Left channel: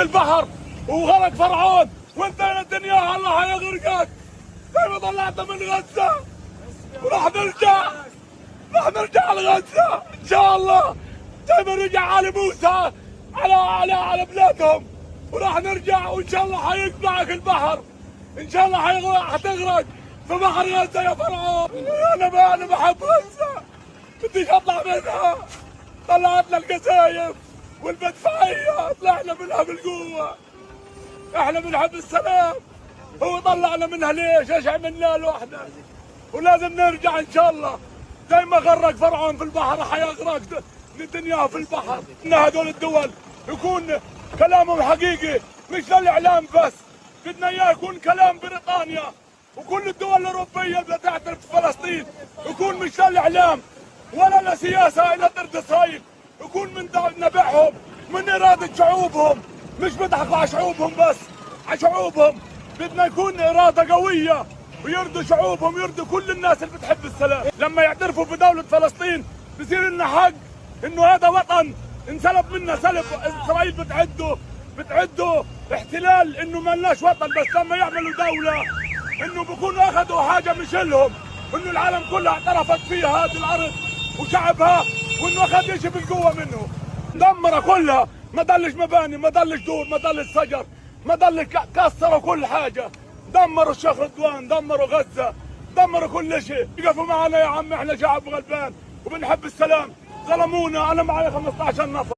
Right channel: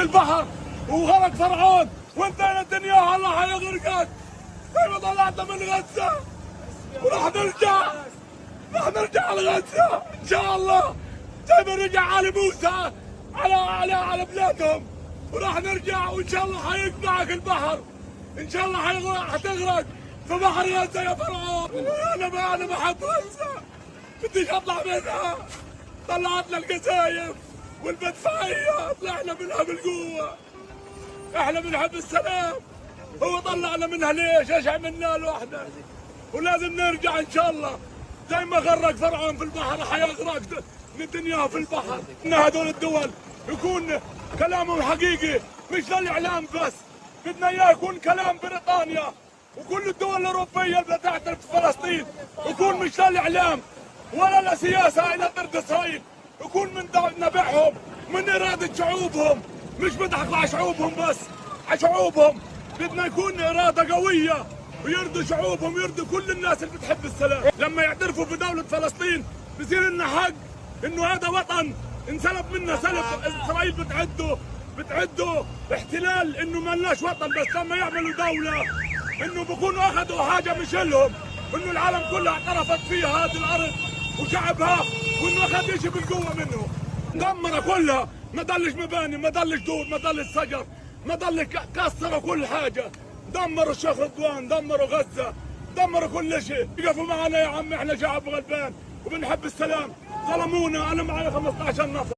البحر وغرق فرعون، وانت يا الدنيا الله هيغرقك زي ما طلعت من غزه، وراح نرجع لغزه ان شاء الله زي ما رجع ال موسى على بلادهم، وراح نرجع وان شاء الله هيقطعك البحر، ان شاء الله هتغرق في بحر غزه يا فرعون. انا بحب غزه، بديش اطلع منها، طلعتنا القذايف والمدفعيه طلعنا منها بالقوه، احنا بنحب السلام، هو طلعنا منها ليش؟ ايش عملنا له احنا؟ ولازم نرجع ان شاء الله زي ما غرق فرعون في البحر حيغرق نتنياهو في البحر. ان هذول الدول يكون كلامهم حقيقي مش للاعلام بس، بدنا اياه يكون كلام بريطانيا وكل الدول الاوروبيه اللي تعترف بفلسطين، يكون مش للاعلام ولا لسياسه الى ضد اسرائيل، يكون من نبعهم من اراده شعوبهم، مش بيضحكوا على شعوبهم بس، على شعوبهم بدنا يكون اراده قويه ويرضوا شعوبهم، يرضوا كل الناس اللي بتحب السلام. لما يعترفوا بدوله فلسطين بصير لنا حق انه هذا وطن انسلب منا سلب، اسرائيل بتعده احتلال، انه ما لناش وطن، بس لما يعملوا دوله انه بكونوا اخذوا حاجه مش لهم، انه العالم كلها اعترفت فيها هذه الارض وشعبها، وانه اخذ شيء بالقوه منه، دمرها كلها، ما ضلش مباني، ما ضلش دور، ما ضلش شجر، ما ضلش، كسروا كل حاجه، دمروا الشيخ رضوان، دمروا غزه، دمروا كل شيء. يقفوا معنا يا عم، احنا شعب غلبان وبنحب السلام، ظلمونا، انا معي 15 نفر.